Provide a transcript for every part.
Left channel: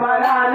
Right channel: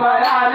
मला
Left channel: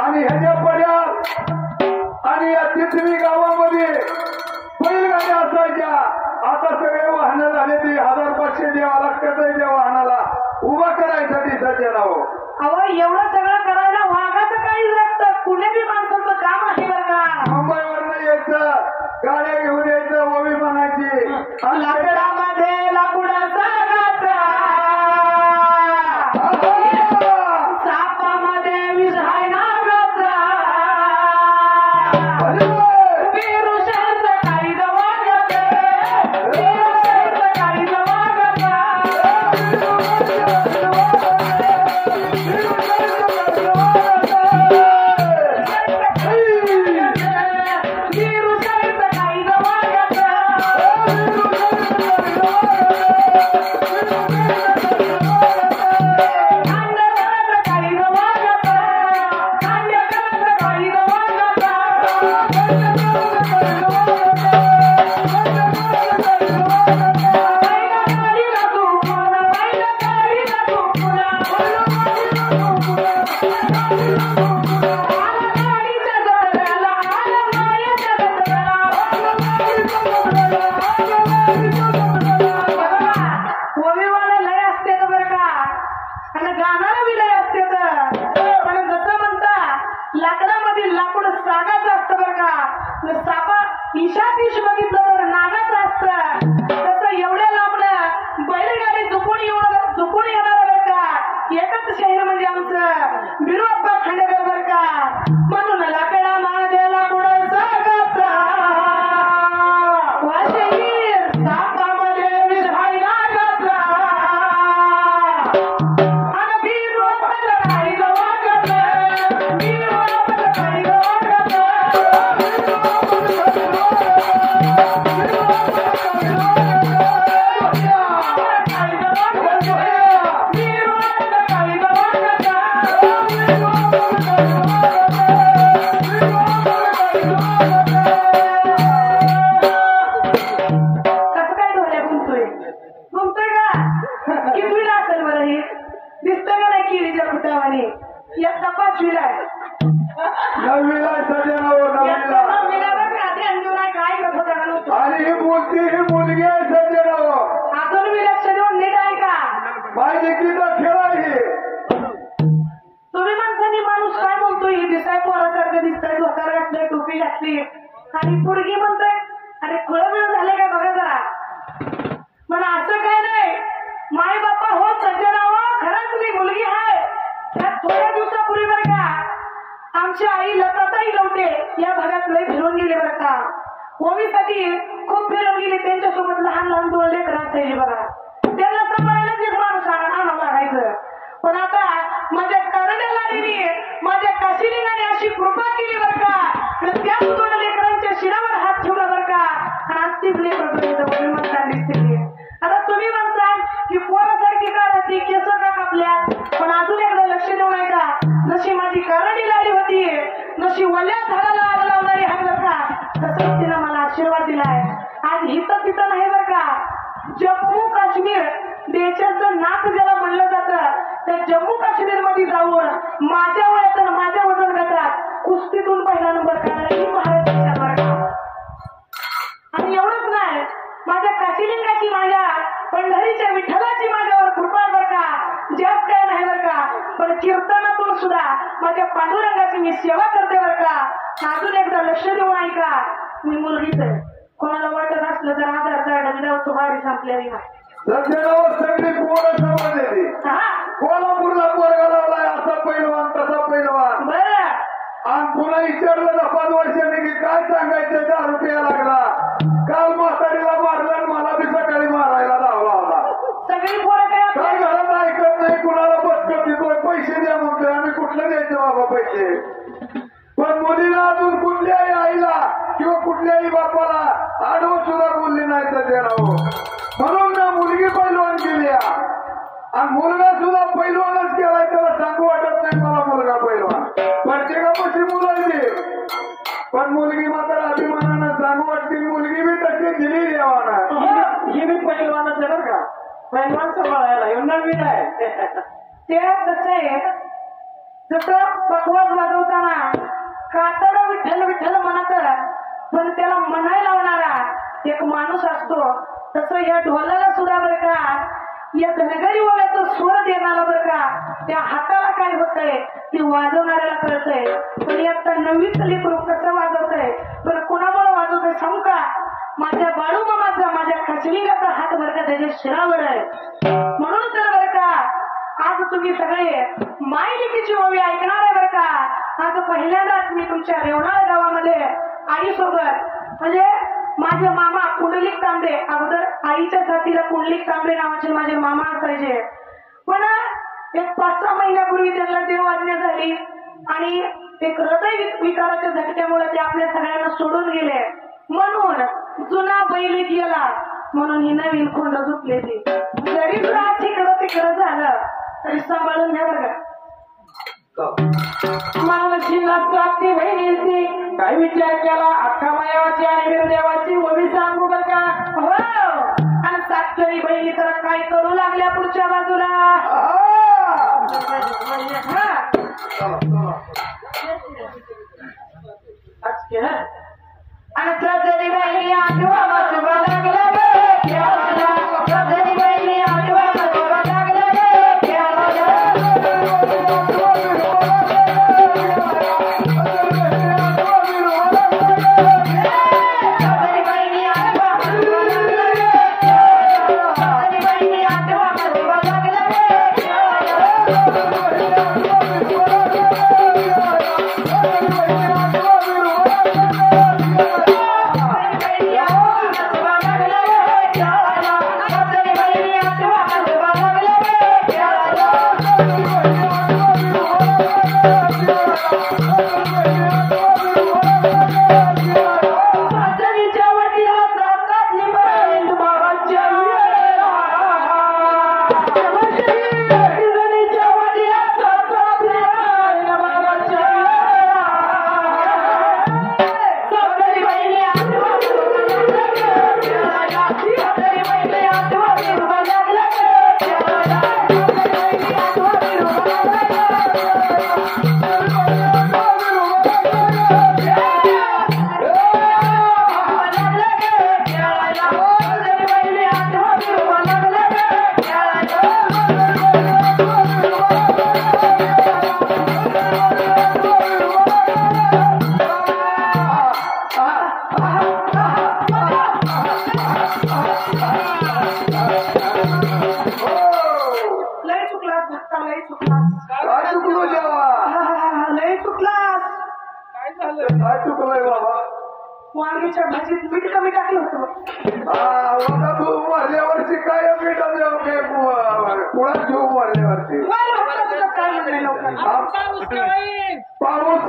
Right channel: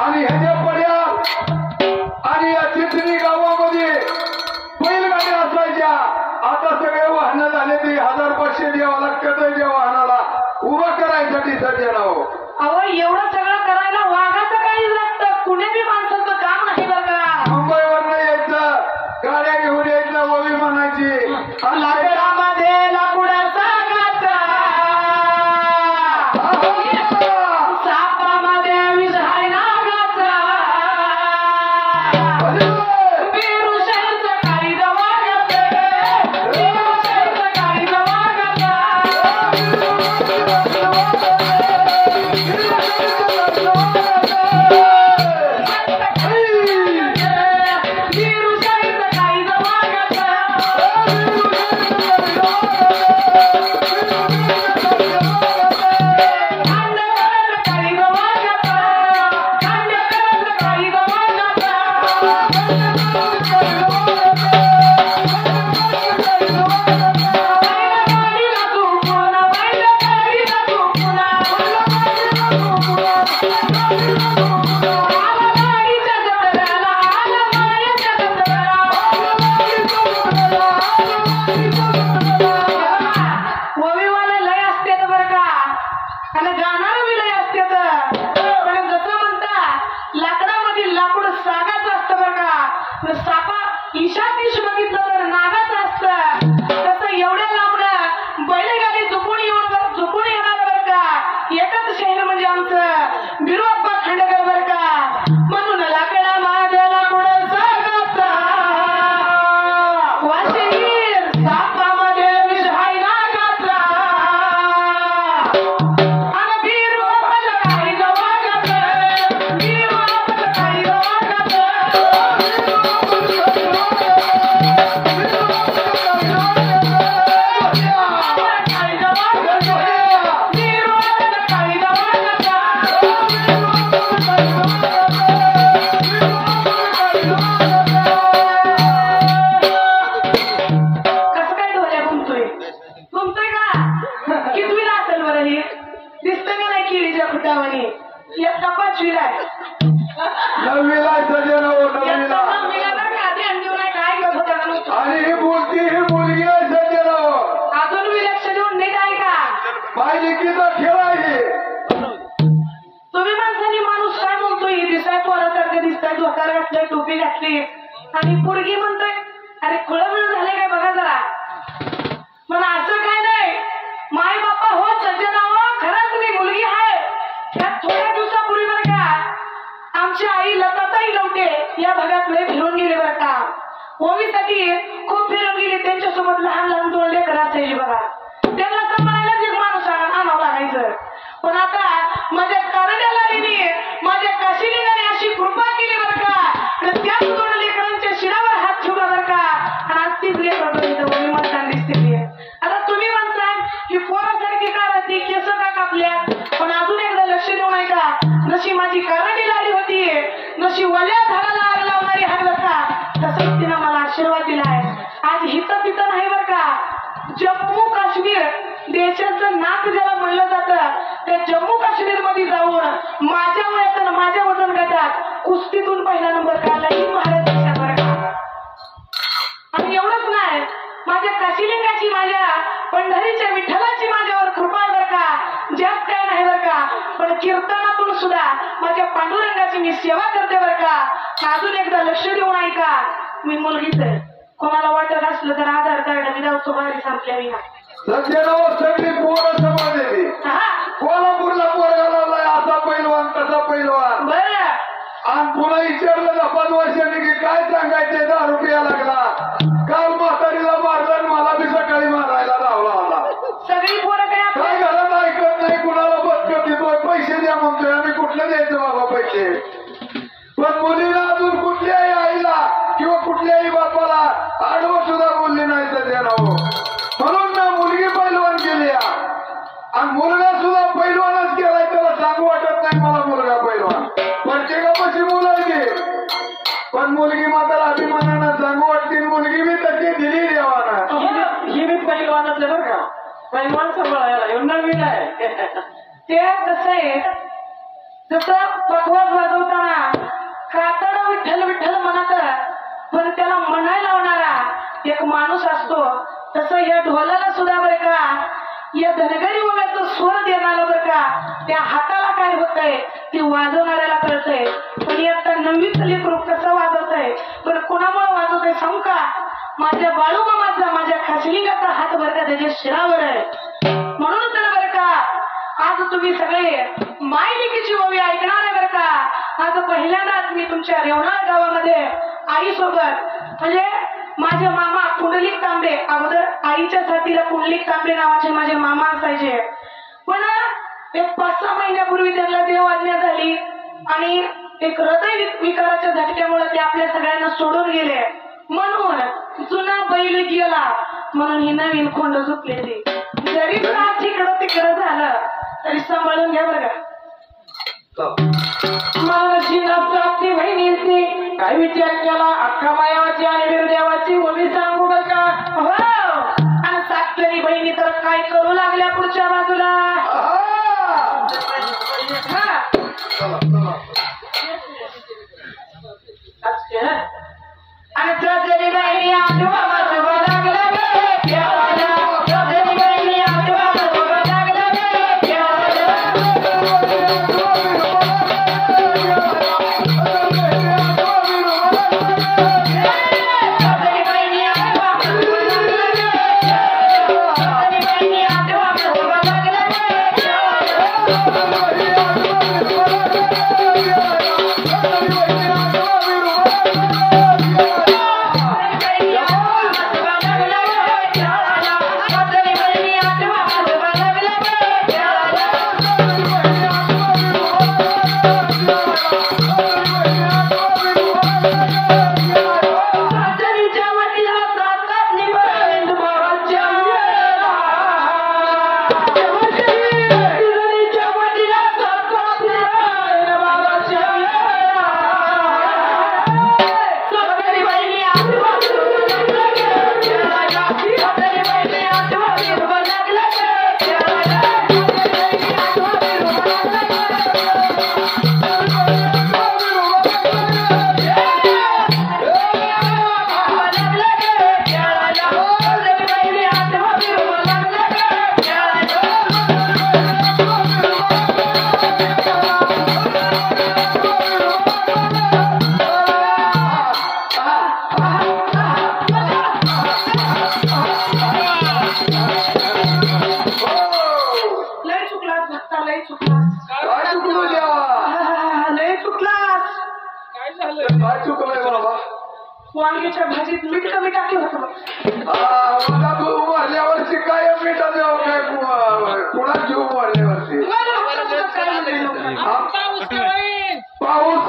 आणि ह्याच्या पड्या आणि या चिखली गावामध्ये ताकद आहे त्या वाहनाला उभा करायसाठी सज्जनाओ. अहो एवढं सगळं करायला वाघाचं काही लागतं, कुणी बी माणसाचं काम नाही बरं का. मुंबईवरनं यायचं, गाड्या घेऊन यायचं, ओवी म्हणायची. लाकडामध्ये लाकूडाचा गाचा, सापामध्ये विष आहे नागाचा, विरुषाचं काही दवागाचं, विरुषाचं काही दवागाचं. आणि पुरगी म्हणतोय अरे खुळबिळ झाले काय बघा जरा. पण असं काय नाही, माय बापा हो सज्जनाव, खरंच मी मुलगी आहे. थोड्या दिवसापूर्वी बरं का आमची आई लताताई लवटे या भागात लय फिरवून गेले बरं का. ओवीसाठी खूप फिरवून गेले. त्यांच्यासोबत लहान लहान 2 लेकरं असायची बघा. त्यांना सांभाळायला एक माणूस आणावं लागायचं. पण आता माझ्या कारण्याला गेली, माझ्या काशीलिंगाने अशी कृपा केली बरं का. त्याच 2 लेकरांच्या शिरावर हात ठेवला बरं का. आणि आज 3 लेकरं म्हणताना दिसते. आता तुम्ही म्हणता की पोरासारखी का राहते, केस का कापल्यात. पण अजून एकदा लक्ष देऊ नये का, जशी माझी कारणी लाडी होती, जशी वल्या झाडाला आग लावणारी हात बरं का, तसंच तिनं मला आशीर्वाद दिलाय. आज हिथं तिथं नाही बरं का. जम्मू काश्मीर देशाचं नाक ज्याला म्हणलं जातं, त्या जम्मू काश्मीर मध्ये जाऊन माझ्या वयात माझ्या वजन गटात कुस्तीतून पहिला नंबर काढला ही महाराज बरं का. आणि एवढंच नाही, माझ्या काशीलिंगाची, माझ्या पंढरीच्या विठ्ठलाची माझ्यावर कृपा बरं का. ज्यात काय नाही बरं का. पण कीर्तनातून सुद्धा माझ्या पांडुरंगाची मी सेवा करते बरं का. अजून एकदा लक्ष देऊन ऐका, मी मुलगीच आहे. कोणाला वाटत असलं तर आधार कार्ड मी जाऊ सुपारी संपल्यावी. सगळी पोरं समाजली. कोल्हापूरला पोरगा लावलाय, असा पैलवान तसा पैलवान. बरं. आणि पुन्हा विचारलं 5 वर्षांनी की काय सांगायचे, 10 रुपया लागला. काल म्हातारीला मारलं आणि मला बी सकाळी मारायला लावला होता. सगळी पोरं काय घरात ऐकत नाही, कुणाला बदकत देतोय, पैसे द्या म्हणतोय. आम्ही कुठलं द्यायचं बाबा पैसे. पण मुलीला अजून कुठल्याही आईला किंवा कुठल्याही बापाला आडवं सुद्धा बोलली नाही तर देणं. म्हणून ना मुलगी पैलवान केली आणि मुलगा सुद्धा पैलवानच केलाय. त्याला सांगू वाटत नाही मला मुलगा पैलवान. प्रत्येकापाशी मुलायची, पण मुलगी मात्र अभिमानानं सांगू वाटते. मुलगी मी तशी दिली देवानं. ही मी पैलवानच आहे बरं का. पैलवान सांभाळायला नवीन आहे. ते कसं आहे, जसं पकवाज वाजवताना कातड विठ्ठल विठ्ठल म्हणत, पण त्याला म्हणायला लावणारा एक माणूस असतो, तसं या ढोलाला सुद्धा बरं का या धनगरी वगाचं स्वर देणारा बरं का त्या हाताला काय होतंय ते वाजवणाऱ्याला कळतंय. पण आता नववीचं लेकरू कसं वाजवतंय पण कोणामुळे वाजवतंय सांगू का? माझ्या बाळू मामाचा माझ्या खासलिंगाचा हात बरं का त्याच्या शिरावर आहे. म्हणून तर बरं का आज तुम्ही सगळे मायलेकीची ओवी ऐकणार आहे बरं का. आज पहिल्यांदाच मी तुमच्या रेवणाळ गावामध्ये आईसोबत म्हणजे माझे मामा पुंडलिक तांबे अगोदर आईच्या साथीला पुंडलिक तांबे नावाचे माझे मामा असायचे. पण एक 5-6 महिन्यापूर्वी त्यांना देवआज्ञा झाली आणि एक हृदय विकाराच्या झटक्यामुळे ते आपल्या सगळ्यांना सोडून गेले. म्हणून जुना बैल गेला म्हणून ही नवीन खोंड झोपले. ती जरी त्रास इकडं तिकडं झालं तरी सांभाळून घ्या बरं का. मला शिलाची बहिणीची काय विचार केला अख्खा मायावाची आणि वीरदेवाची ओवी सांगू बर का. हो आणि सातकरी बहिणी तर काय करू लागल्या पुढच्या बाजूला. आणि सातकरी बहिणी आठवा वाजवा लागल्या वांगीच्या भाजीत मीठ कमी टाकलं होतं. तू मारल्यावरची काय मीठ पुढा जीव मारल्यावरची पाऊस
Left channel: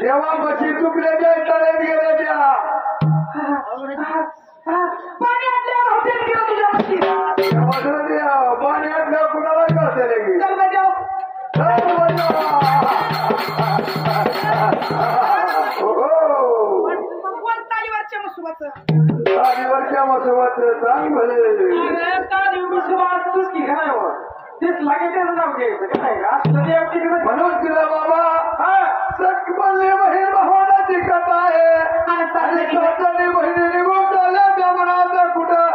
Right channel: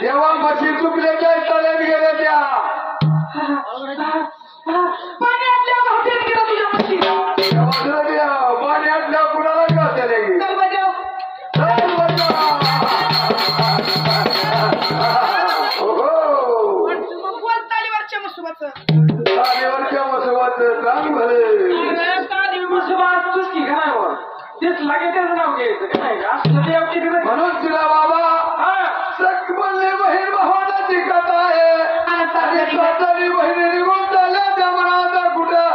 तेव्हा मशी चुकल्याच्या तळ्यात गेल्या त्या पाण्यातल्या कुणाला तालीवरच्या मसुबाचं चांग भले तेच लागेल नाव घ्यायचं म्हणून तिला बाबा सख बनले बहीण भावाची कथा आहे आणि स्वतःनी बहिणी निघून झाल्या त्या मनाचा कुठं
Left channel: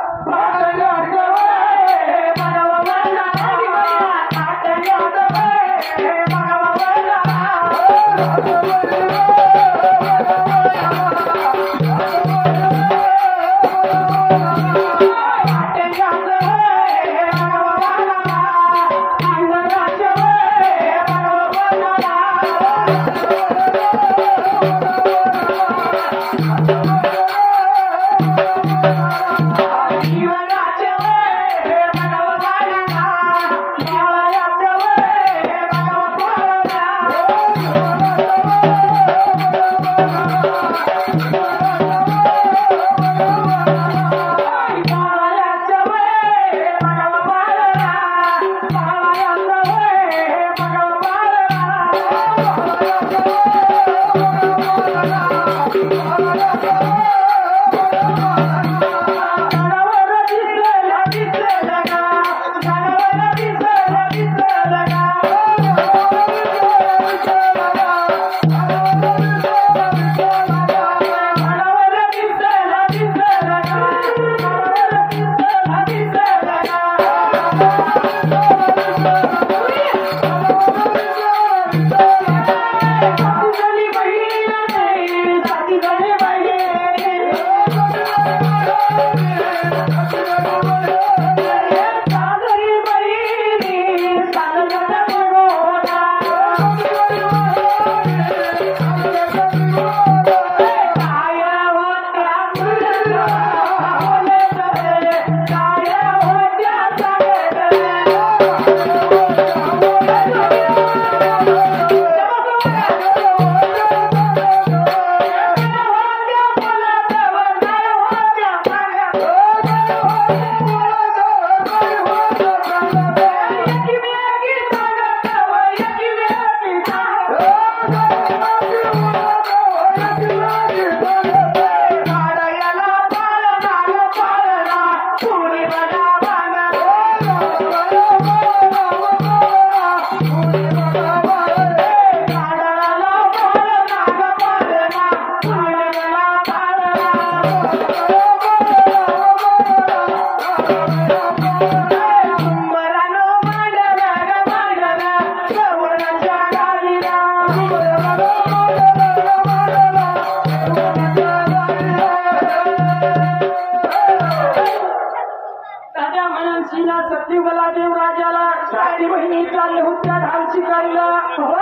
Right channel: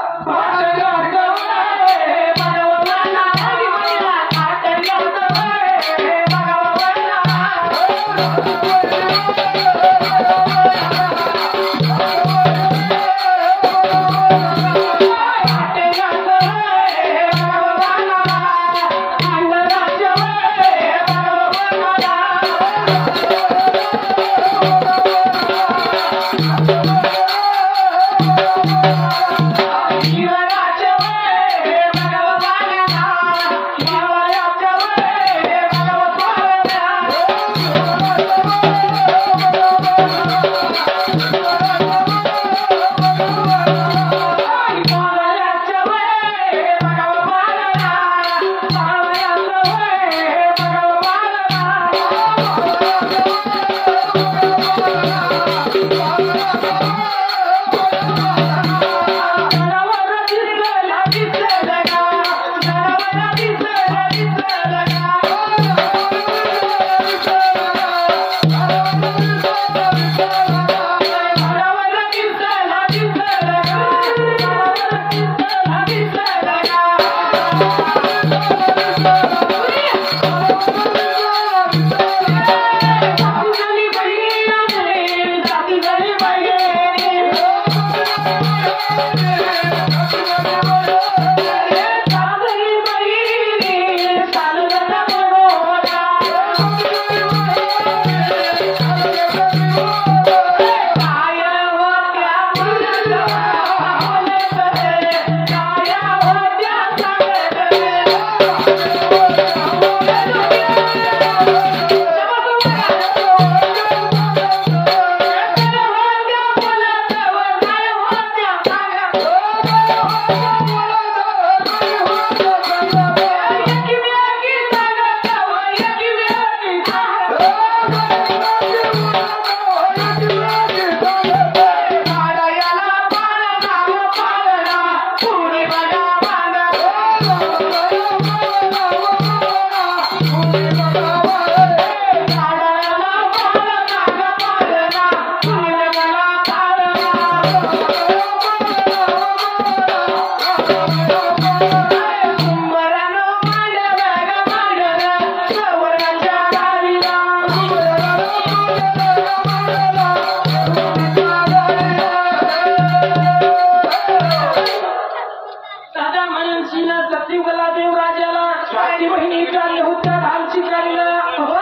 बहिणी चालले होत्या घालची काढीला हो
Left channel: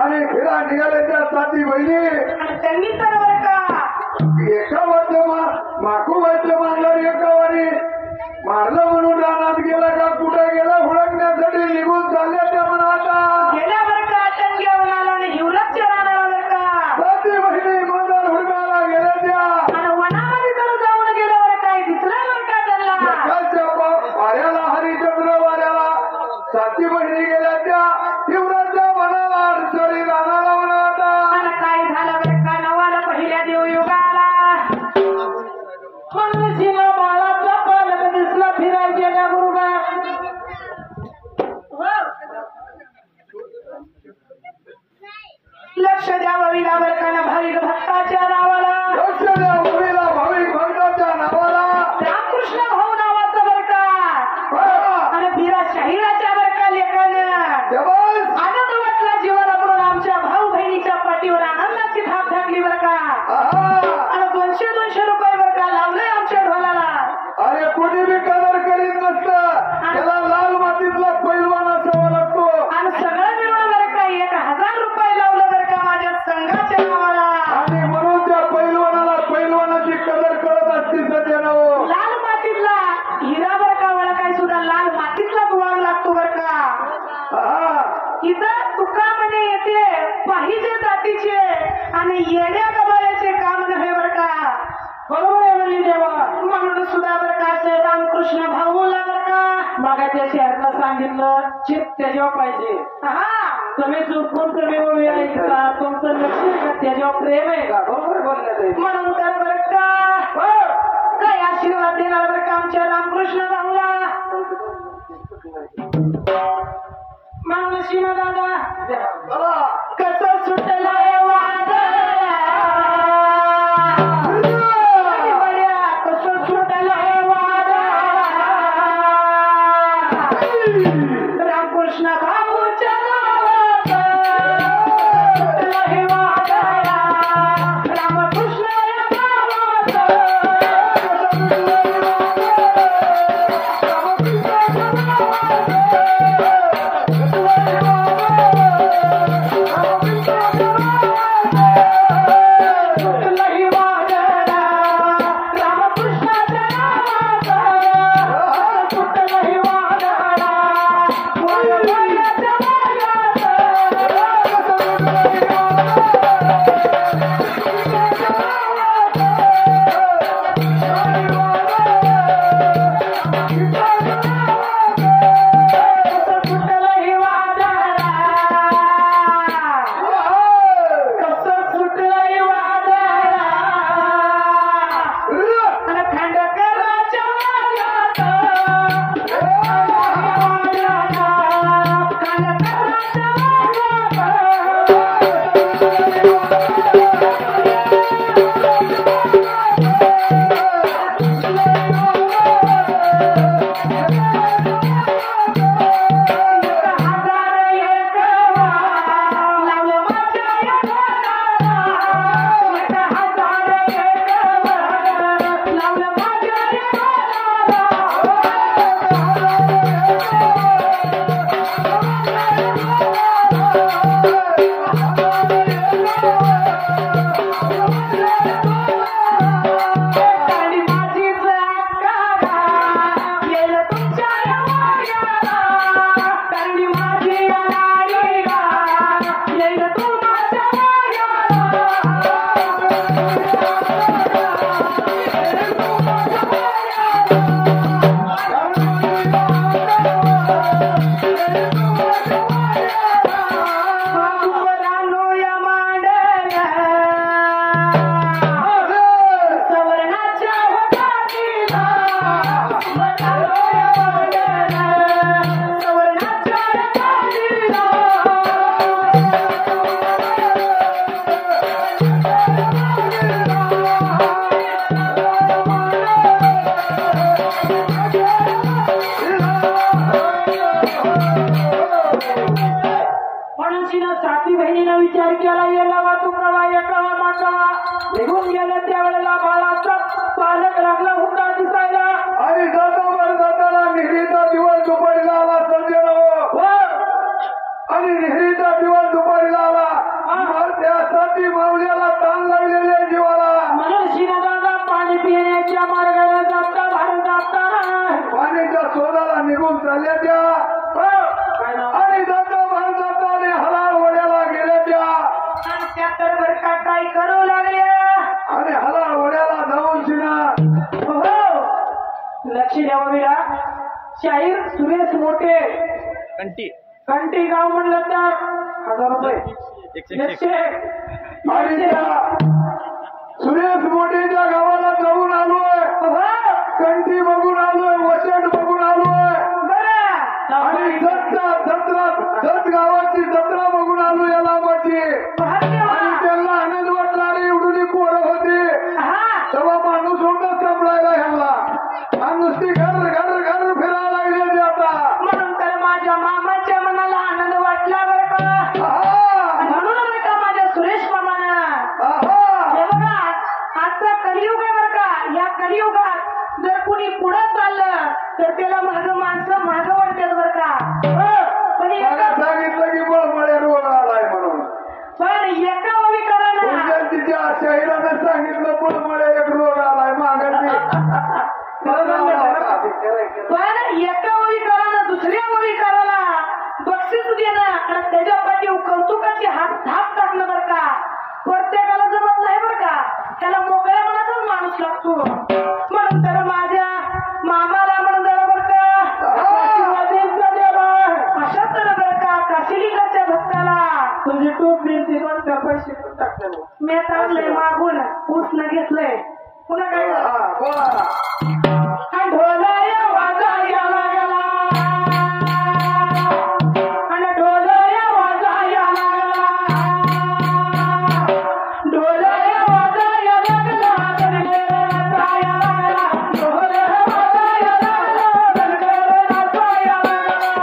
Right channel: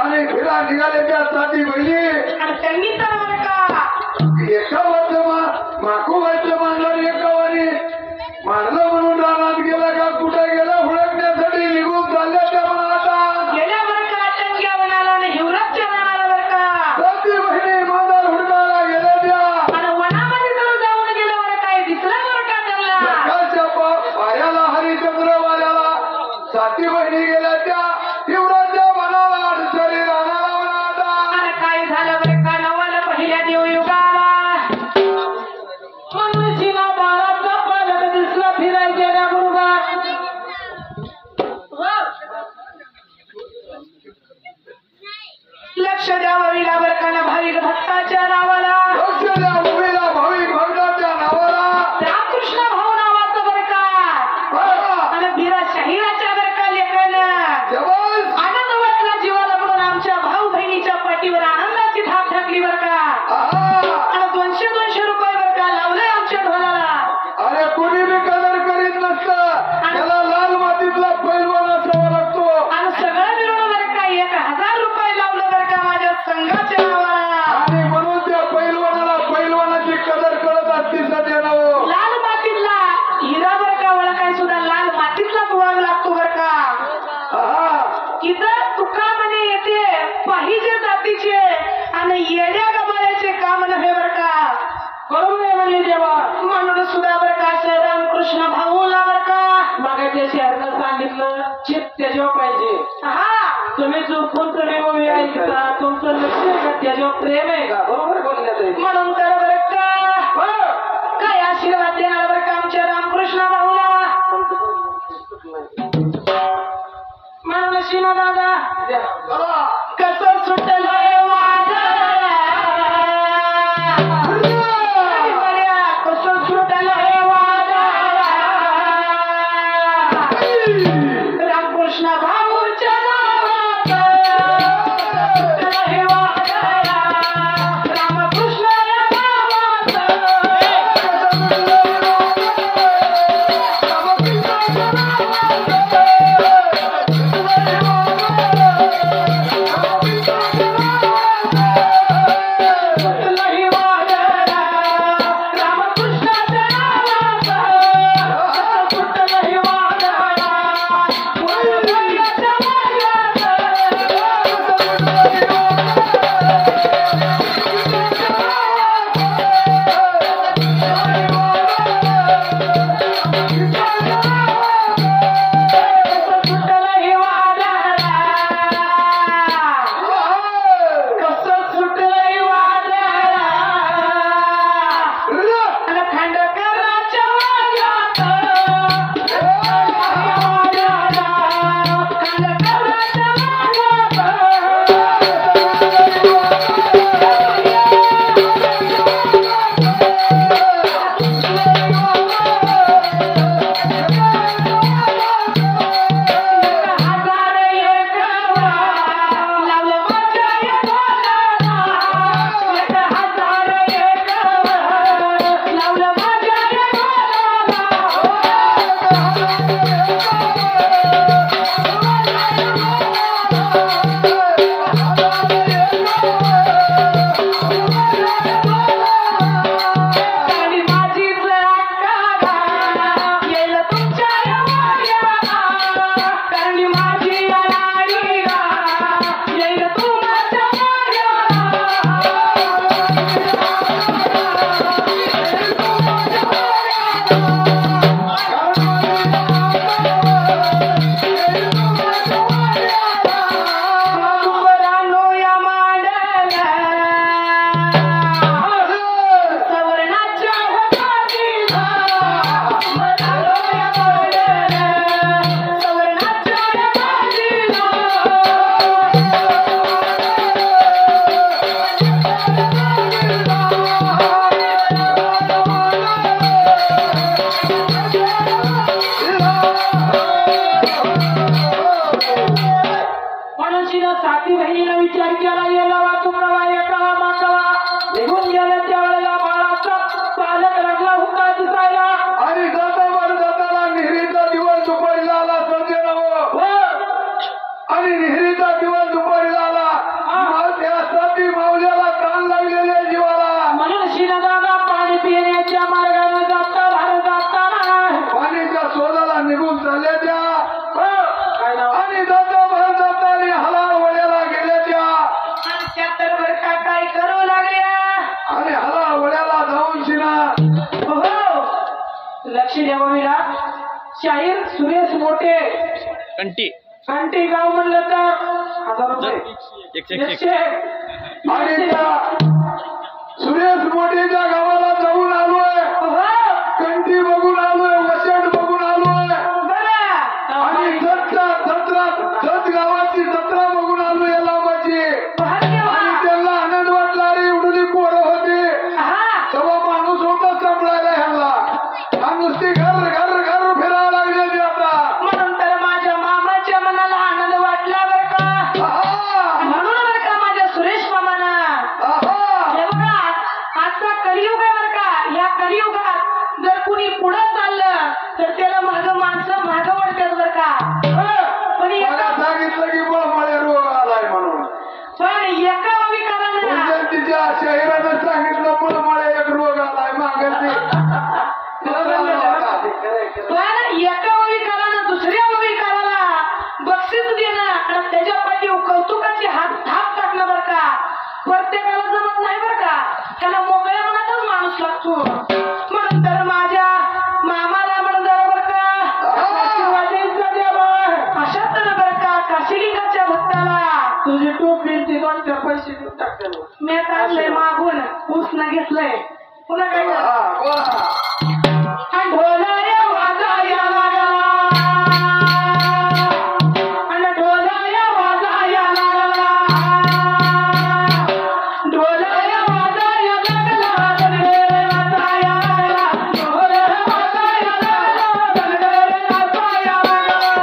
आणि फिरा निघाले त्या साथी बहिणी आणि त्यांनी तर बरं का एका वर्ष माकू वर्ष मानलं एकावारी मारलं म्हणून रानात गेला का कुठे गेला हुडकण्यासाठी निघून चालल्या त्या म्हणा आता गेल्या बरं का टंग्या वनाला आणि हिवरच्या रानाला बरं का साथी बहिणी मांजर हुडकायला गेल्या त्या आणि वनामध्ये तर जाऊन गेलं बरं काय दिसलं बरं का त्यांना सकाळच्या पायाला हरिचंद्र वाऱ्याला साथी बहिणी गेल्या त्या शिवराच्या मनाला अडचणी राहणारा म्हणा आता आणि काय झालं बरं का नवाला पहिल्या देवयुगाला मनुष्यला बाळाचा पालक दिसला फिरायच्या त्या गुरुगा लक्ष द्यावं विला बरं का ना भाविक भक्ताच्या नावाला लक्ष द्या मुलीला भाविक भक्ताच्या नावाला रामकृष्ण भाऊ नावाचं बरं का हा. आणि बिरा शाहिराच्या बरं का लेखन जबस आनंद वाटला जीवाला म्हणून आमच्या भाऊ बहिणीच्या पाठीवर आनंदाची थाप टाकली बरं का आहा. आणि 200 रुपये बरं का लावले आमच्या ढोलाला अरे कोणी बी कदर करीत नसतं त्याला लाल मातीतला पैलवान असावा लागतो आणि सगळं मिळून बरं का 1000 रुपये लावलं बरं का माझ्या संघाच्या नावाला आणि म्हणून त्या पैलवानाला पैलवानाची कदर कळत असते सध्यानं लाल मातीतला हिरा बरं का ओळखाय सुद्धा लाल मातीतला दुवाग लागतो बरं का आहा. इथं तुका म्हणे येते पाहिजे जातीचे आणि येड्या गबाळ्याचे काम नव्हे बरं का बरोबर आहे म्हणले देवा म्हणून सुद्धा बरं का रामकृष्ण भाऊला बरं का मागाच्या शहराला सांगितलं चित त्याच्यावर पाहिजे हा तुम्ही चुकून तुम्ही उभे ऐकता तुमचं लक्ष आहे का त्याच्यावर प्रेम आहे का बरोबर बोलण्यात म्हणून तर बरं का काय आशीर्वाद देणार बरं का आमच्या रामकृष्ण भाऊला म्हणून शिनो दादा चला. कसं सुटलंय कसं सुटलंय रामकृष्ण भाऊच्या रामकृष्ण आणि जाता जाताना निहरीचा दिवस दुपारीला आला संजय आणि नेहरीचा दिवस दुपारी झाला मग त्यासाठी मावल्याला ताण लागलेल्या जीवाला म्हणून शिरदादा पाणी पिण्याच्या मार्गाने जाता भारत जाताना पाण्याच्या शोधाला निघून चालल्याच्या आणि जाता भारत जाता आणि हलाल वड्याला गेल्याच्या आणि त्या तर बर का काय करू लागल्या आणि हलाल वड्याला जाऊन शिना हो लक्ष द्यावा मीरा शाहीर सुरेश मोठे कंटी गाव म्हणलं तर 1000 रुपये 100 आणि त्या सुरेश मोठेच्या गावाला जाऊन आलोय हो कंठी बघून आलोय वसंत बघून आलोय आणि बरं जत गावाची जत्रा बघून आलो या लांबाची आणि त्यांना आनंद वाटला रे उडुली पोरं होती तेव्हा माणूस होता सांभाळायला ह्यांना आणि नुसती घर घर घर फिरायला लागलेली आता म्हणून तर माझ्या मामाच्या मनाला आनंद वाटला बरं का म्हणून बरं का माझ्या सुरेश मामाना हे बघा आजचा कलियुग आहे बरं का या कलियुगात जर कुणी पुढे चाललं तर त्याला माणसं मागं वाढतात बरं का पण मला सांगितलं की बळमळे रोग आलाय म्हणून एका विकारानं तिच्या शहरानं सांगितलं बळमळे एक रोग आलाय मागणी पण एका विकारानं दुसऱ्या विकाराला बक्षीस देणं आणि त्याच्या पाठी कौतुकाची थाप टाकणं बरं का प्रत्येकाला जमत नाही बरं का त्याला मोकळ्या मनाचाच माणूस लागतो म्हणून तर माझ्या मामाला म्हणून जरा बरं का अशा तर बरं का काशीलिंगाच्या भक्ताला तुझी टोपली ती 2-4 पैसे देऊन टाकते मी आणलंय मागून उसनं घेतलंय पुन्हा काय ढोलया वाजाया लागला आणि ढोलया वाजाया लागला ढोलया वाजाया लागला दणगेरे वाजाया लागला ढोलया वाजाया लागला दणगेरे वाजाया लागला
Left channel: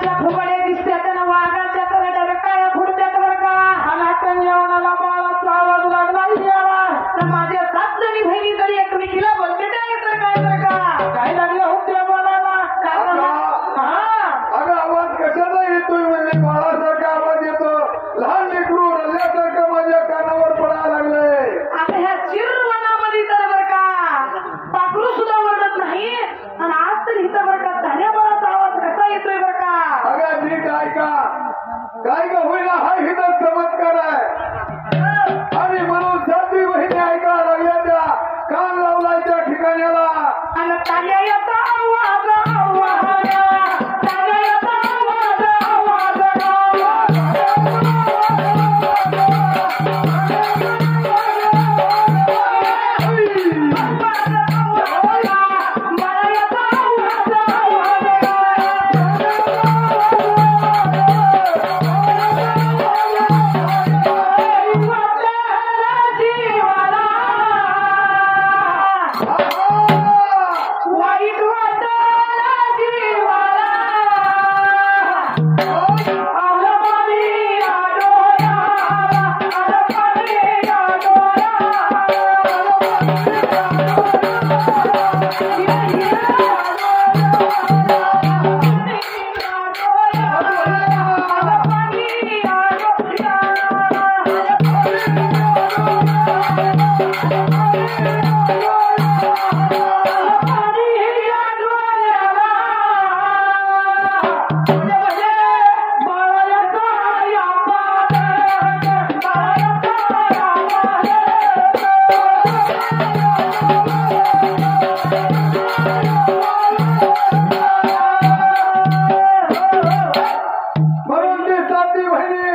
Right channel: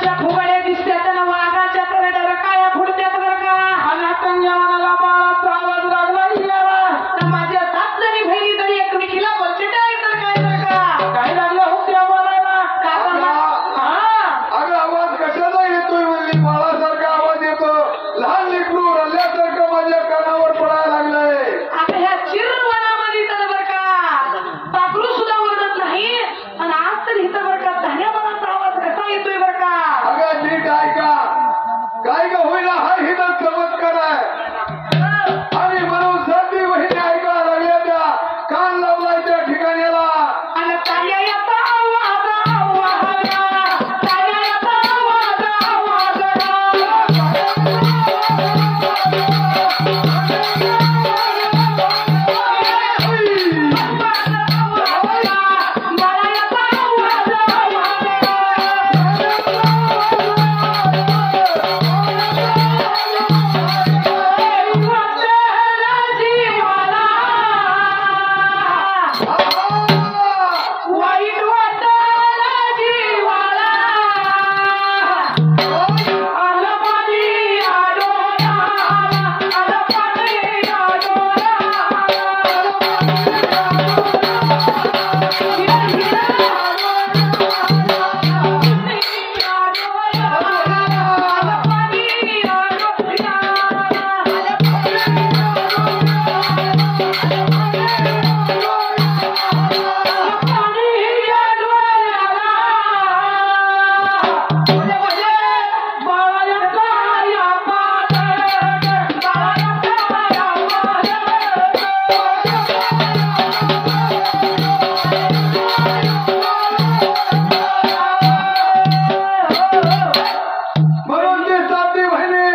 वाघाच्या फुगड्या दिसत्यात आणि वाघाच्या तर डरकाळ्या फुटत्यात बरं का. अनाथन जवानाला बाळाचा आवाज लागला याला. तर माझ्या 7 जणी बहिणी तरी एकमेकीला बोलते तर काय बरं का. काय लागलं होत्या बोलायला? अगं आवाज कशाला येतोय म्हणली बाळासारखा आवाज येतो. लहान लेकरू रल्ल्यासारखं माझ्या कानावर पडायला लागलंय. आता ह्या चिरवनामध्ये तर बरं का पाखरू सुद्धा ओरडत नाही आणि आज तर इथं बरं का धान्याबाळाचा आवाज कसा येतोय बरं का. अगं नीट ऐका. काय का होईना हा हिचा चमत्कार आहे. आणि म्हणून सातवी बहिणी ऐकायला लागल्या त्या कान लावलाय त्या ठिकाण्याला. आणि तान्याचा आवाज आवाज तान्याचा आवाज आवाज वाईट वाटला जीवाला आलं पाणी आडोळा आलं पाणी आडोळा म्हणून ती सातवी बहिणी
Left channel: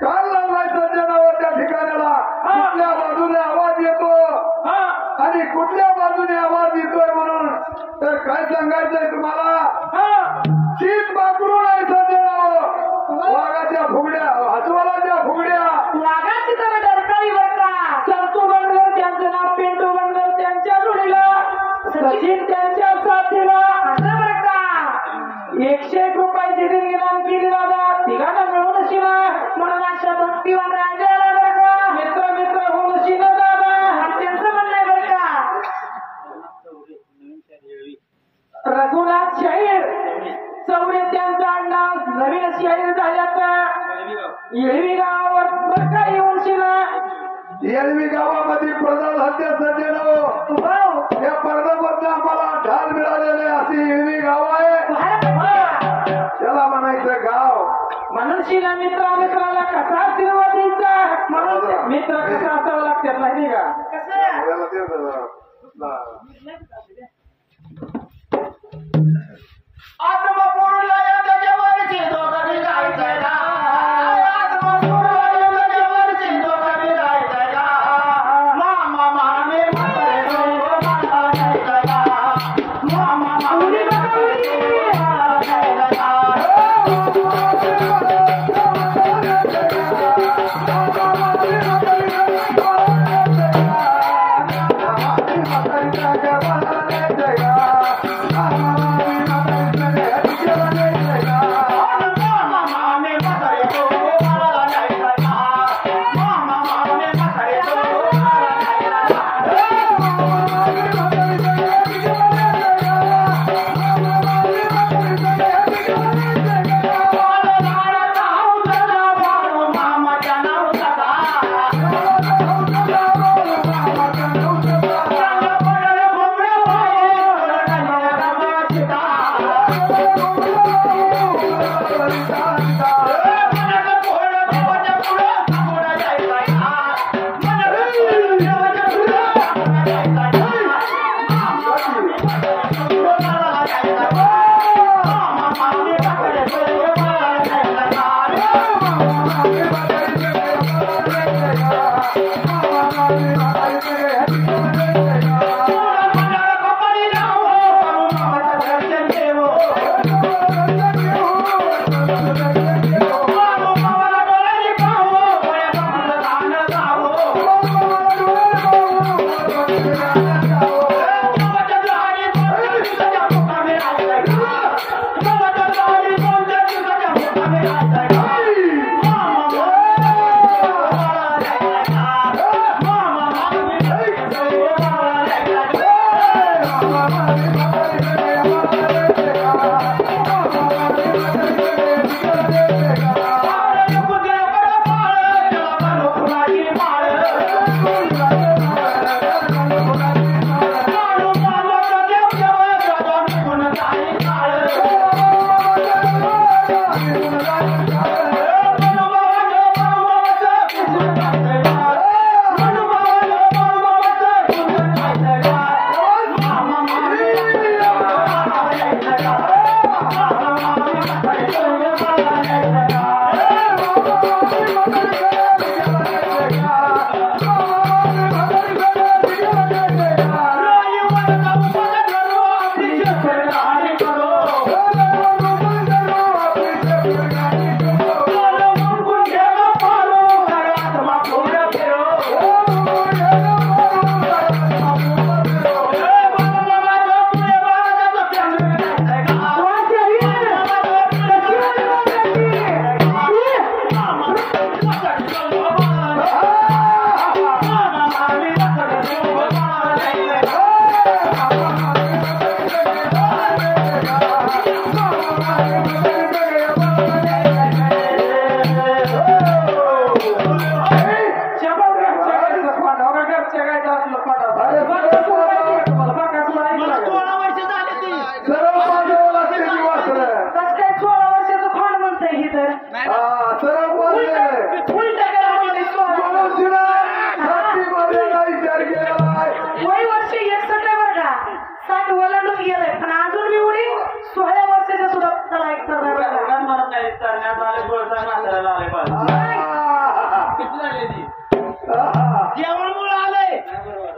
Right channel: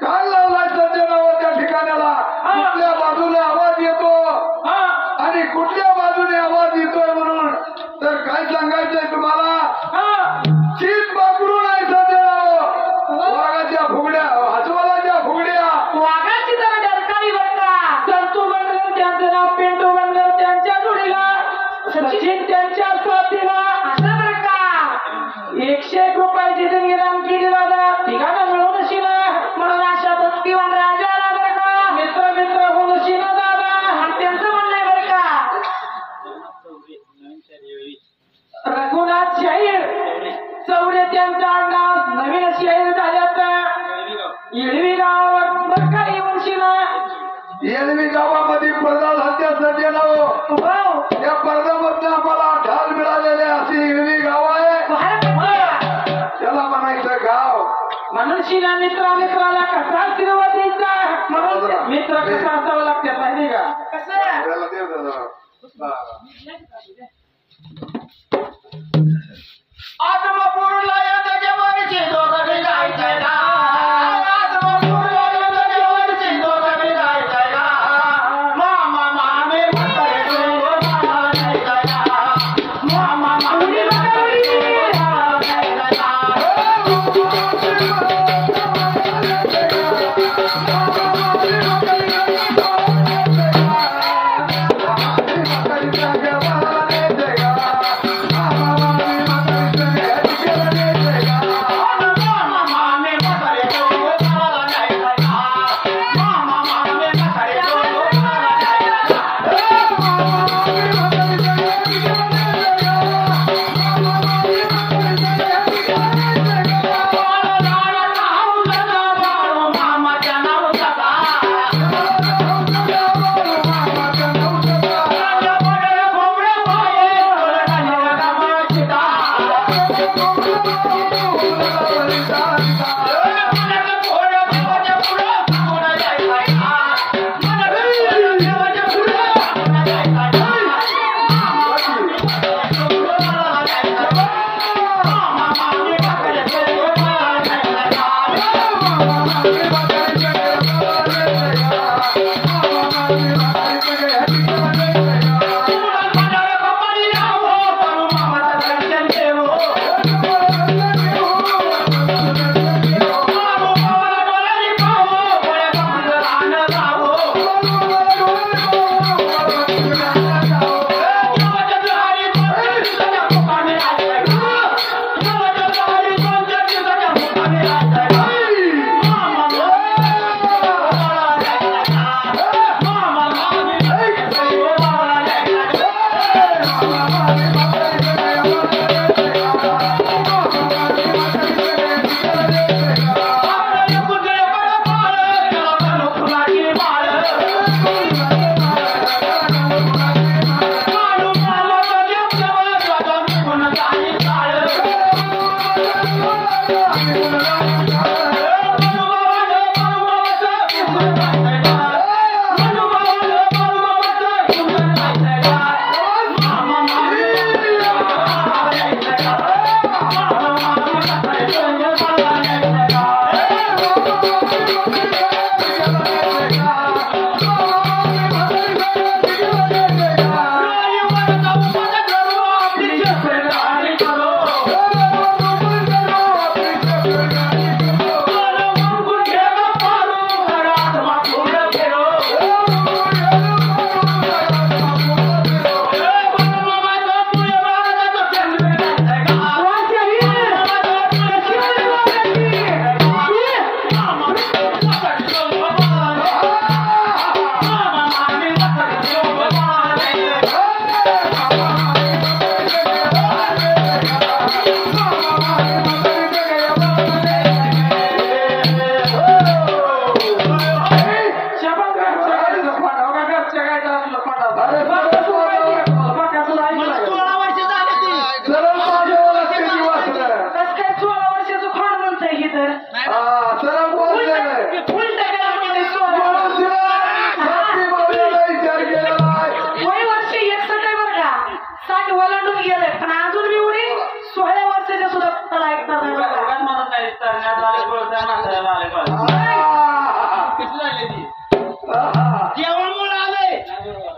कान लावलाय सज्जनावर त्या ठिकाण्याला. कुठल्या बाजूने आवाज येतो आणि कुठल्या बाजूने आवाज येतोय म्हणून तर काय सांगायचंय तुम्हाला. चीत पाकडून आहे सज्जनावर. वाघाच्या फुगड्या हसवालाच्या फुगड्या. वाघाची तर डरकाळी बरं का. संतू बनगर त्यांचं नाव पिंटू बनगर त्यांच्या जोडीला सचिन त्यांच्या साथीला असं बरं का. 101 रुपयाची देणगी दान केली दादा. तिघांना मिळून शिना म्हणून अशा भक्तिवान राजाला बरं का मित्र मित्र होऊन शिना दादा. आणि त्यांचं म्हणणं आहे बरं का. रघुनाथ शाहीर चौरे त्यांचा आडनाव नवीन शाहीर झाल्यात. येळवी गावावर बरं का येऊन शिना. येळवी गावामध्ये प्रधान हत्या सज्जनावर. वाव, या पर्दामधनं आम्हाला ढाल मिळालेले अशी येळवी गाव आहे. बाहेर पडला. त्याला म्हणायचं गाव. म्हणून शिना मित्राला कसा आशीर्वाद द्यायचा. म्हणून मित्र कसा असावं लागतात माहिती का. कसं याला दे जरा. आत्मपूरला येतं जेवणची दोघं जायचंय का. आत्मपूरला येतं जेवणची दोघं जायचंय का. मामा मामे म्हातारे दोघं मला जायचंय का. मामा मामे म्हातारे दोघं मला जायचंय का.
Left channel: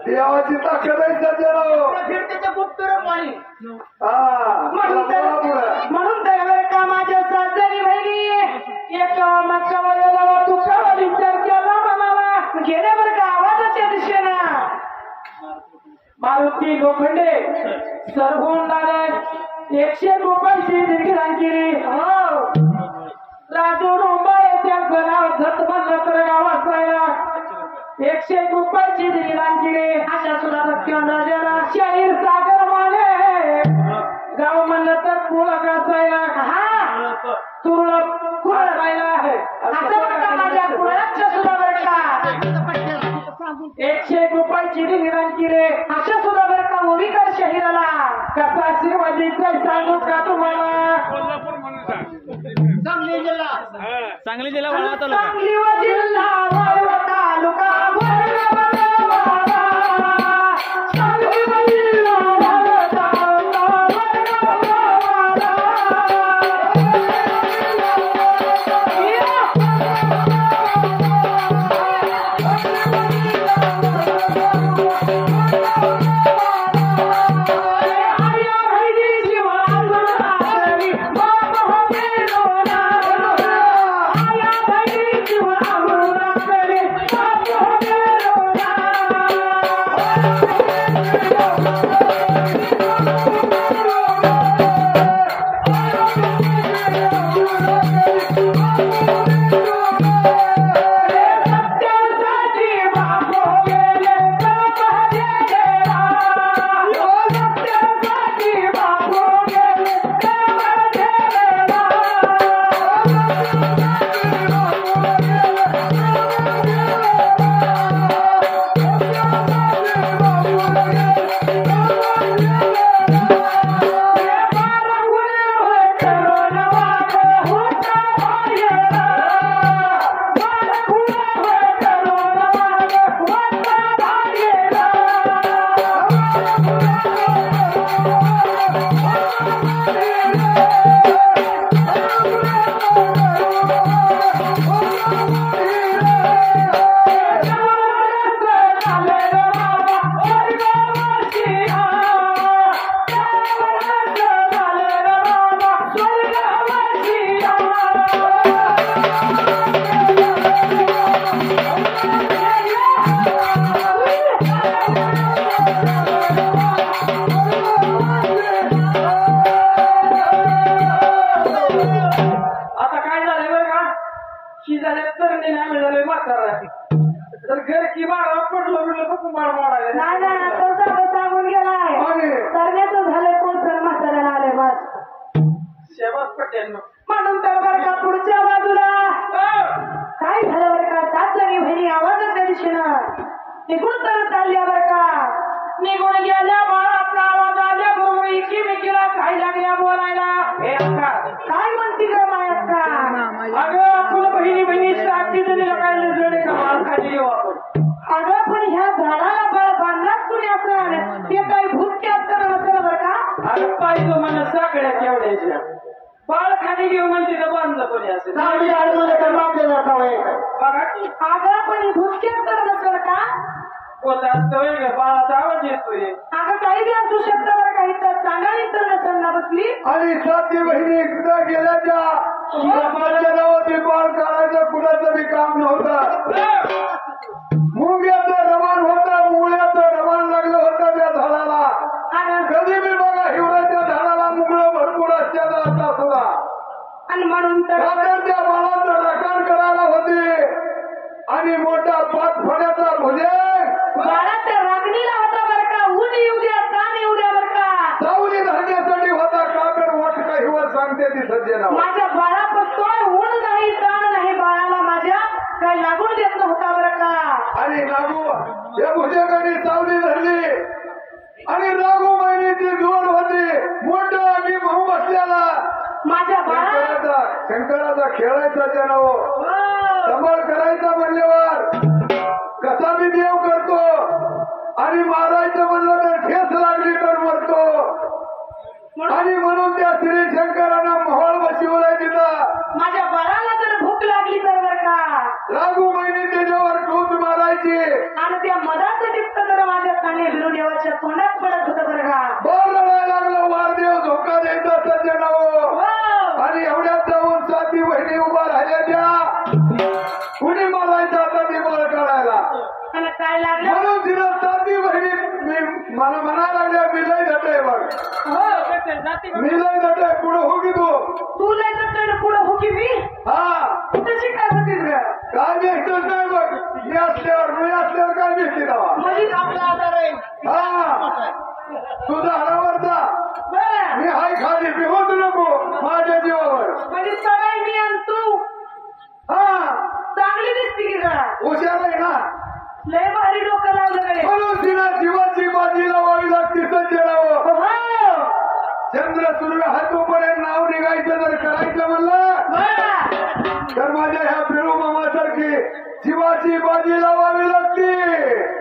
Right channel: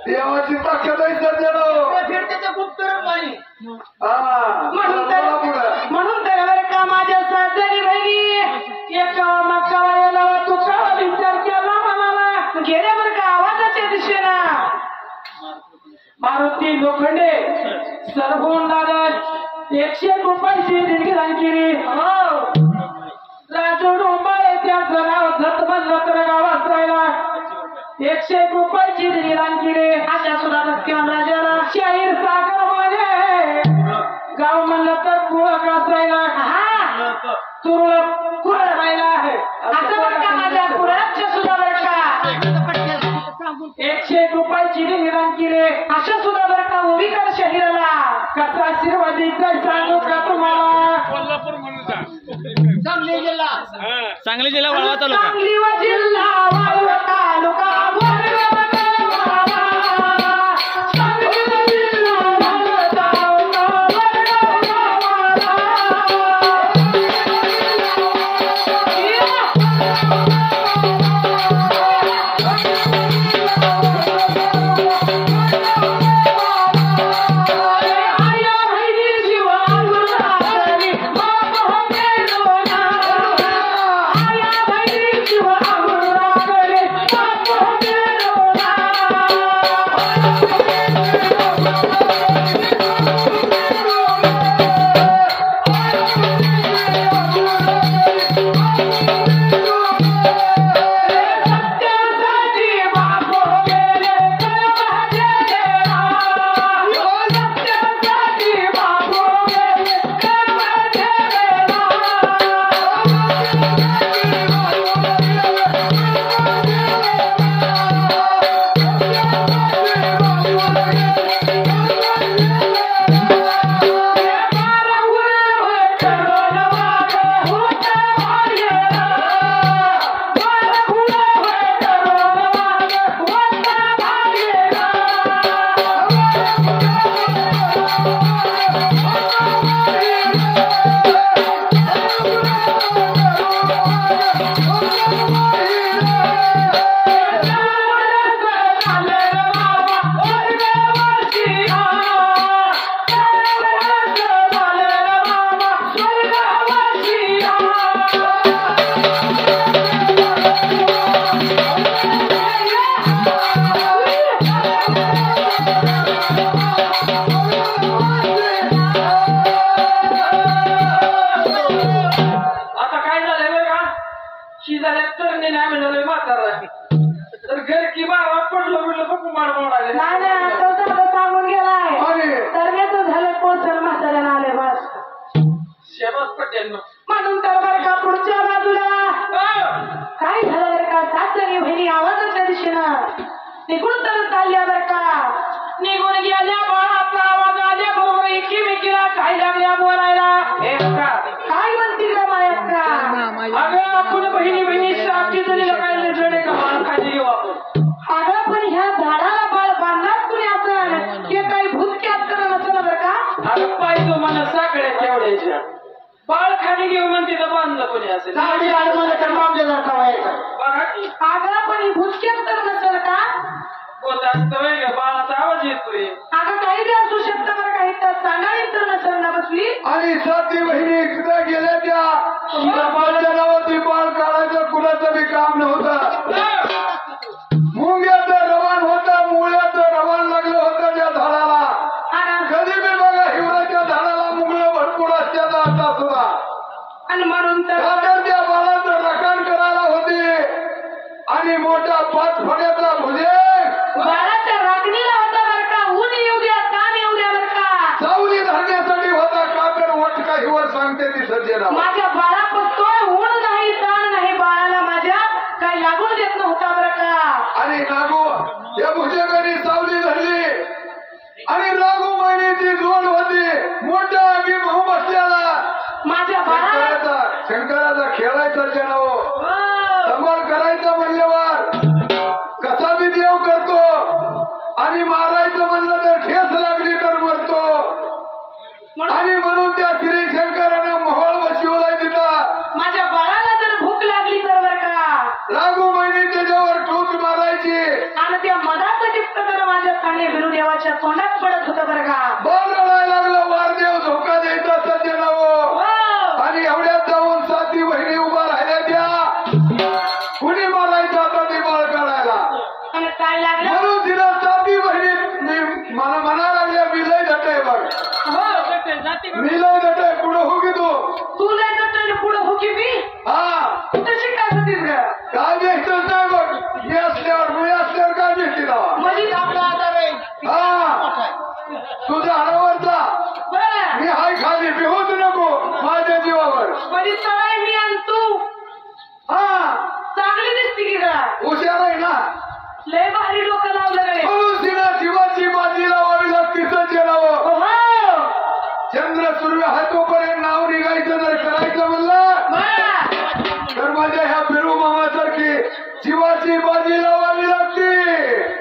देवाची ताकद आहे सज्जनो. म्हणून तर बरं का माझ्या सासरी बहिणी एका मकाला तू का विचार केला मनाला गेले बरं का आवाजाच्या दिशेला मारुती लोखंडे सरभून दादर 100 रुपयाची देणगी केली. राजू डोंबाळे त्यांचं नाव झटमन गावात राहिला 100 रुपयाची देणगी केली. अशा सुद्धा भक्तिवान राजाला शाहीर सागर माने गाव म्हणलं तर कुळक असायला तुरळक कुरळ राहिला आहे. असं बरं का माझ्या कुळाच्या सुद्धा बरं का 100 रुपयाची देणगी केली. अशा सुद्धा बरं का ओविकर शहीराला कसा आशीर्वाद द्यायचा सांगू का तुम्हाला. सांगली जिल्हा सांगली जिल्हा वाळवा तालुका तर घर की बारा पडलं बिडलं बघू मार मोडाले नाही तो साधं सांगून गेलाय तर झालं कोण म्हाताऱ्याला आले बस शेबास पटेल म्हणून तर बरं का पुढच्या बाजूला काय झालं बरं का 7 जणी बहिणी आवाजाच्या दिशेनं निघून तर चालल्या बरं का निघून गेल्या बाळाचा आवाज आल्या बरोबर एकीमेकीला काय लागल्या बोलायला काय म्हणतील मायात का अगं आपण बहिणी साक्षी जणी काय जोडे का बाळ खाली घेऊन म्हणजे तिथं बांधलं कोणी असेल सावली आडमध्ये तर मामलेदार का व्हायचं बघा की अगं पण ही भुसकेच तर नसेल का होत असतोय का बाळाचा आवाज येतोय अगं काही बी असू शकतं बरं काही तर चांगली तर नसेल ना बसली आणि साती बहिणी एकदा गेल्या त्या सरपंचाच्या नावाची बाळ काढायचं कुणाचं बी काम नव्हतं. मुंग्याचं रवान होतं, मुळ्याचं रवान लागलं होतं त्या झाडाला. अगं कधी बी बघा हिवऱ्याच्या झाडाला मुंगळं भरपूर असत्याचा आता सुद्धा. आणि म्हणून तर तर त्या बाळाचं रखाण करायला होते आणि मोठा 5 फण्याचा भुजे बाळाच्या राखणीला होता बरं का ऊन येऊ द्या ताण येऊ द्या बरं का सावली धरण्यासाठी होता का तर वाट काही वर सांगते ती सज्जना. माझ्या बाळा पसतोय ऊन नाही ताण नाही बाळाला माझ्या काही लागून देत नव्हता बरं का आणि लागू या भुजगाने सावली धरली आणि लागू महिन्याची जोड होती मोठा आगी भाऊ बसल्याला. माझ्या बाळाला शंकराचा खेळायचा जनाव हो. संभाळ करायचा म्हणल्यावर कसा बी देव करतो आणि मारायचं म्हणलं तर ठेस लागली तर मरतो. आणि म्हणून त्या श्री शंकरानं मोहळ बसवलाय तिथं. माझ्या बाळाला जर भूक लागली तर बरं का लागू महिने त्याच्यावर ठोस मारायची. आणि त्या मधाचं टिपक जर माझ्या काने बिरू देवाच्या तोंडात पडत होतं बरं का बॉल रडायला लागलं वारदेव धोका द्यायचा सज्जनाव. हो. आणि एवढ्यात जाऊन साती बहिणी उभा राहिल्या त्या कुणी मारायचं आता ते बाळ काढायला. आणि काय लागलं म्हणून तिला साती बहिणी मला म्हणायला लागल्या मी लय धटे बघ हो जाती मी लय धटे पुढे हो की तू नाही तर पुढे हो की मी हा तू तशी काय होतीस ग काय भेटतच नाही बघ मी असल्यावर काय भेटते तेव्हा. म्हणजे आपला आधार आहे हा तुझा हरावरचा बरं मी हाय खाली बिहोत नको माझ्या जीवावर. म्हणजे सवय मी आणि तू हा चांगली दिसती की ग हुशार आहे ना. लय भारी डोकं लावलं कडे म्हणून तिला जीवाची बाजी लावावी लागते सज्जनावं. हो चंद्र सूर्य हातोपर्यंत नाव निघायचं जर करायचं म्हणलं बरं तर माझ्या ह्या बिरू मामासारखी जीवाची बाजी लावावी लागते.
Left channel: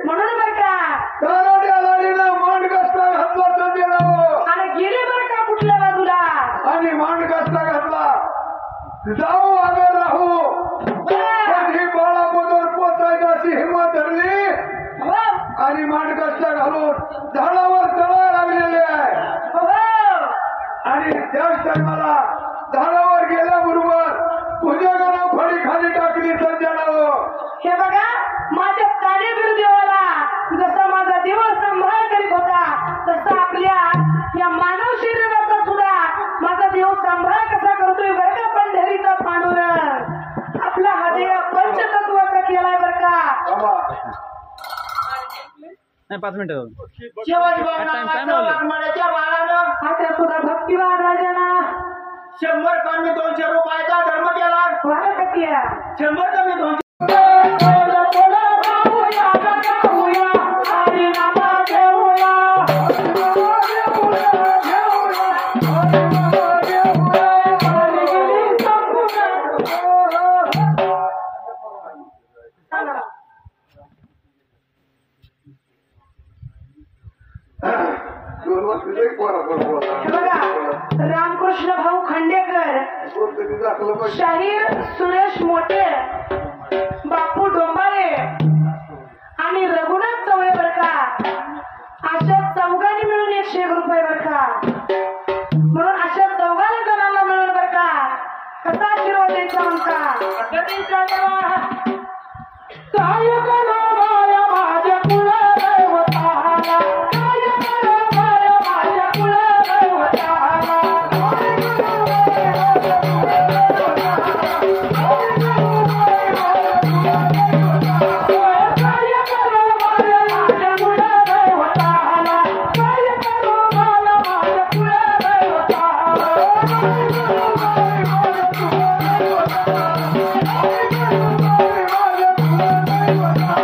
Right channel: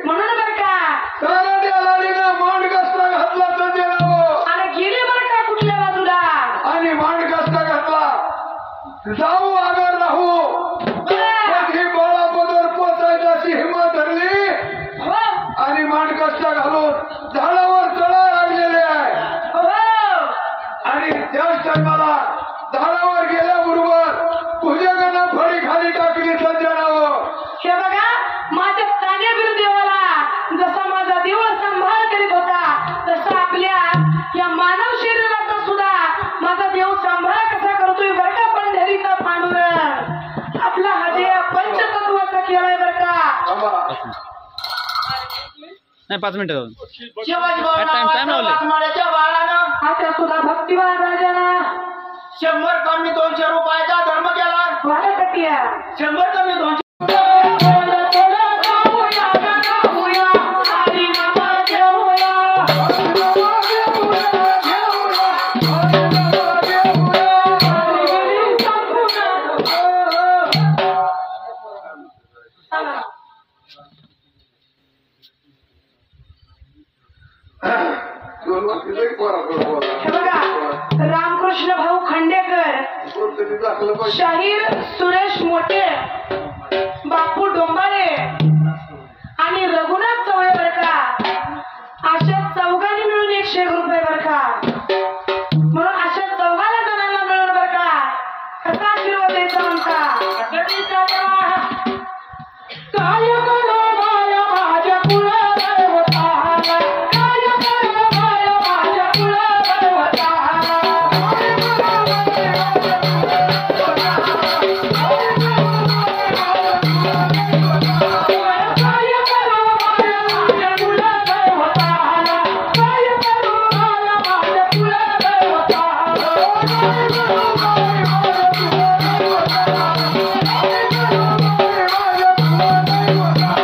म्हणून बरं का कराड्या लाडीनं मांड कष्टा घातला सज्जनावं आणि गेले बरं का कुठल्या बाजूला आणि मांड कष्टा घातला जाऊ आगर राहू बरं पण ही बाळाबरोबर पोचायची अशी हिंमत धरली हो आणि मांड कष्टा घालून झाडावर चढायला लागलेले आहे. हो आणि त्याच टायमाला झाडावर गेल्याबरोबर भुजगानं फळी खाली टाकली सज्जनावं. हे बघा माझ्या काने बिरू देवाला जसा माझा देव सांभाळ करीत होता तसा आपल्या या मानव शरीराचा सुद्धा माझा देव सांभाळ कसा करतोय बरं का पंढरीचा पांडुरंग आपला हा देव पंचतत्वाचा केलाय बरं का बाबा नाही 5 मिनिटं शिवाजी भाऊ Time नावाचं लावलंय. वाघमाऱ्याच्या बाळानं आता सुद्धा भक्तिवान राजाना 100 कमी 200 रुपयाचा धर्म केला. वाढ कटिया 100 कमी 200 दोन वाजता एक पोरा हे बघा रामकृष्ण भाऊ खंडेकर दाखलं पाहिजे. शाहीर सुरेश मोठे बापू डोंबाळे आणि रघुनाथ चवळे बर का अशा चौघांनी मिळून 101 रुपये बर का म्हणून अशा चौघांना जणांना मिळून बर का कसा आशीर्वाद द्यायचा म्हणता असं द्यायचा देवा. काय करू माया माझ्या कुलदेवताला, काय करू माया माझ्या कुलदेवताला, काय करू माया माझ्या कुलदेवताला, काय करू माया माझ्या कुलदेवताला, काय करू माया माझ्या कुलदेवताला, काय करू माया माझ्या कुलदेवताला, काय करू माया माझ्या कुलदेवताला, काय करू माया माझ्या कुलदेवताला.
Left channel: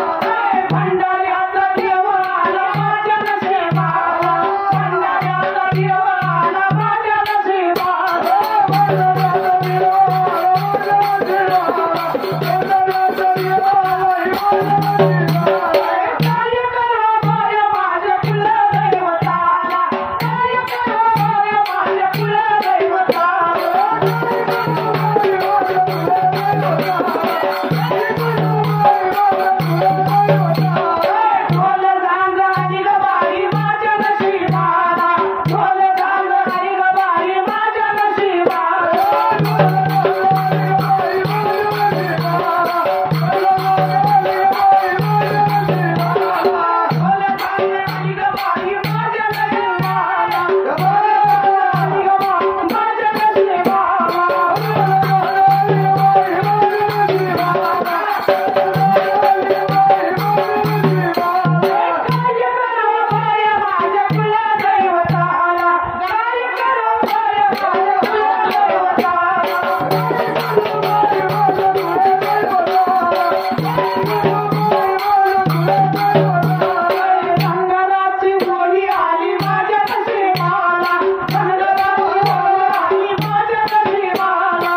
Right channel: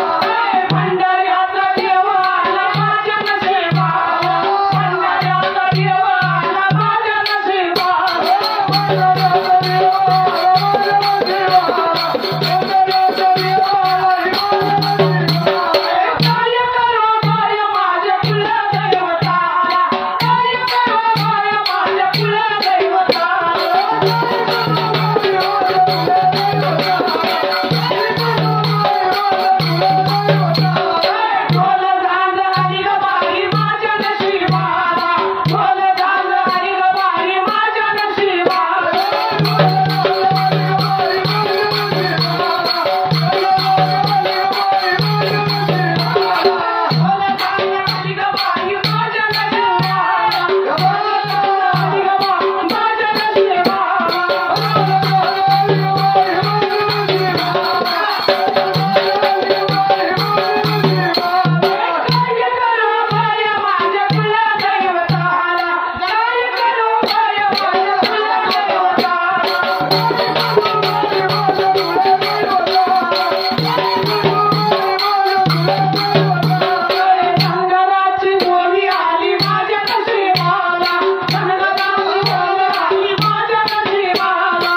संगराची ओवी आली माझ्या नशिबाला, संगराची ओवी आली माझ्या नशिबाला.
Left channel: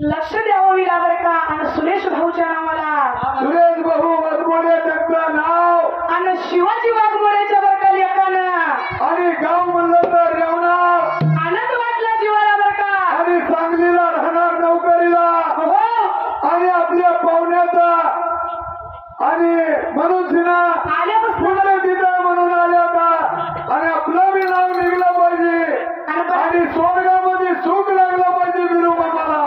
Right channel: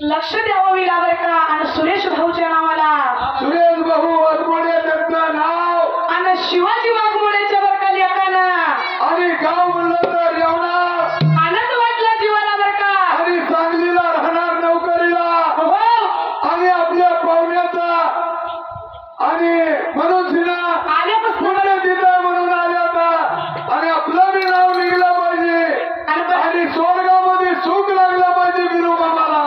लक्ष द्यावं विला बरं का. आणि सुरेश भाऊच्या नावाला सुरेश भाऊ वाघमोडे त्यांचं नाव आणि शिवाजी वाघमोडेच्या बरं का लेकानं आणि गाव म्हणलं तर येवणार आनंद वाटला जीवाला बरं का. आणि सांगलीला राहणार नोकरीला हो आणि आपल्या पाहुण्याचा आणि म्हणून सिन्हा आल्यापासून पुण्य तिथं म्हणून आले आता आणि आपलं बी नाव निघलं पाहिजे आणि स्वर्गामध्ये सुख लागलं पाहिजे बिरू बाबाला.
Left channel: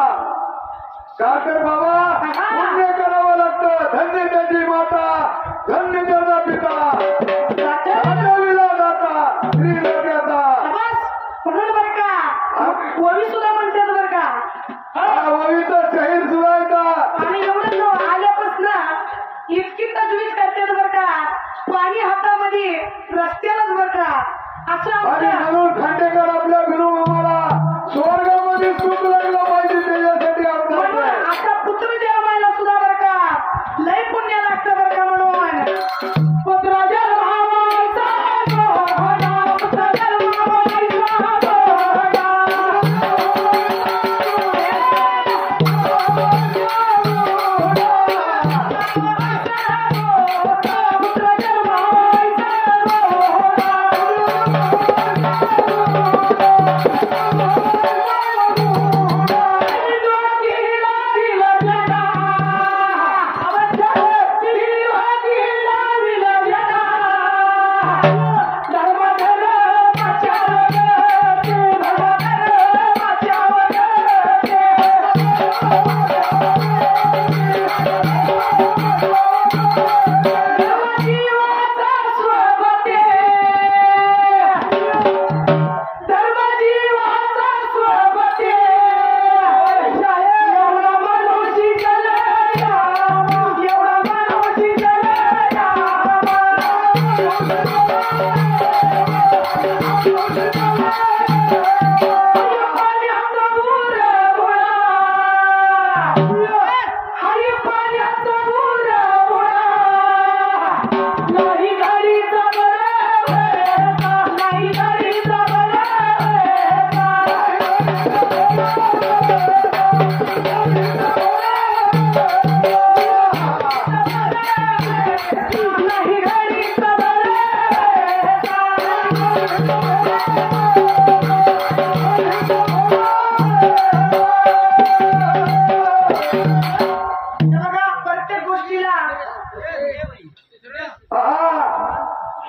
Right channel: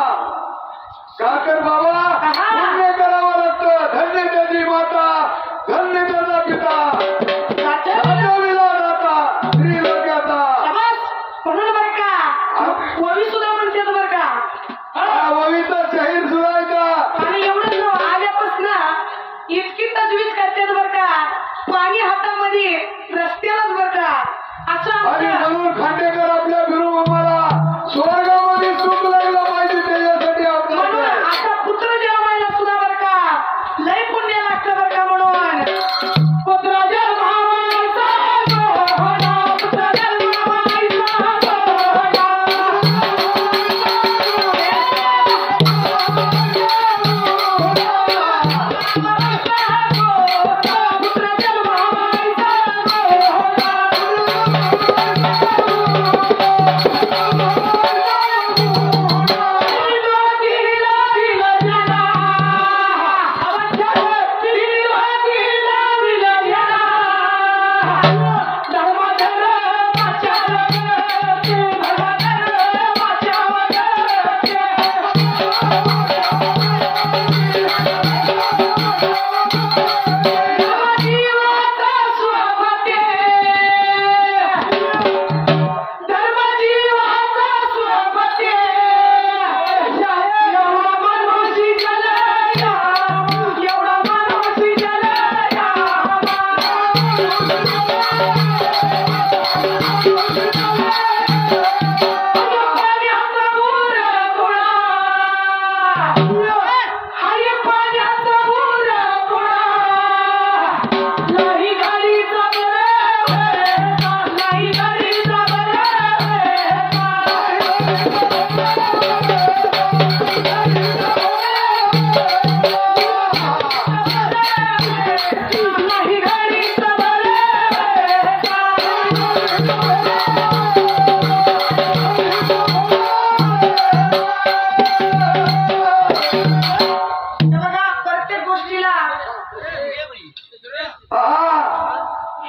का तर बाबा पुण्य करावं लागतं. धन्य त्याची माता, धन्य त्याचा पिता, राजविला जाता श्रीलोक्याचा. म्हणून बरं का ओवी सुद्धा म्हणतात बरं का. ववीचा शहीर सुरायचा आणि एवढं आल्यापासून इतकी तजवीज करतात बरं का. पाणी हातामध्ये रस्त्यालाच बरं का. असं आणि आमचं म्हणून खांडेकर आपल्या बिरू मामाला स्वर्गामध्ये सुख लागलं पाहिजे त्याच्यासाठी म्हणून आपल्याला आता पुत्र जन्मायला सुद्धा बरं का लय पुण्य लागतं बरं का. म्हणून पुत्र जन्मावायचा गोहळा, पुत्र जन्मावायचा गोहळा. पुत्र जन्मावायचा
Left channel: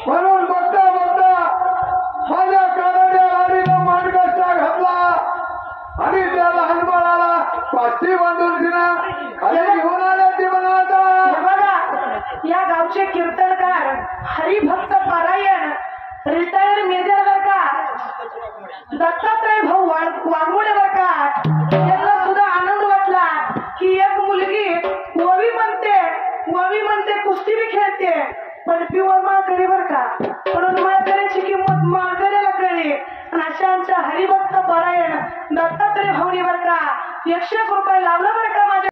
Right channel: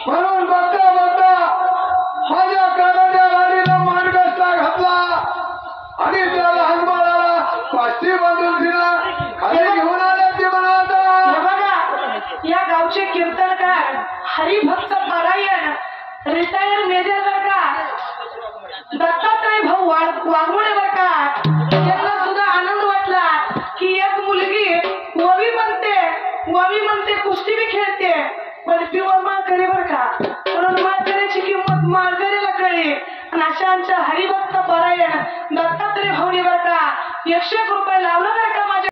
म्हणून बघता बघता माझ्या कानाच्या लाडीला मानगस्ता घातला आणि त्या लहान बाळाला पाष्टी बांधून तिला खाली घेऊन आल्या ती म्हणाला. हे बघा या गावचे कीर्तनकार हरिभक्त पारायण रिटायर मेजर बर का दत्तात्रय भाऊ वाघमोडे बर का. त्यांना सुद्धा आनंद वाटला की एक मुलगी ववी म्हणते कुस्ती बी खेळते पण पिवळ माळकरी बर का. म्हणून माळकऱ्याची किंमत माळकऱ्याला कळली. आणि अशा आमच्या हरिभक्त पारायण दत्तात्रय भाऊनी बर का 101 रुपये लावलं बर का माझ्या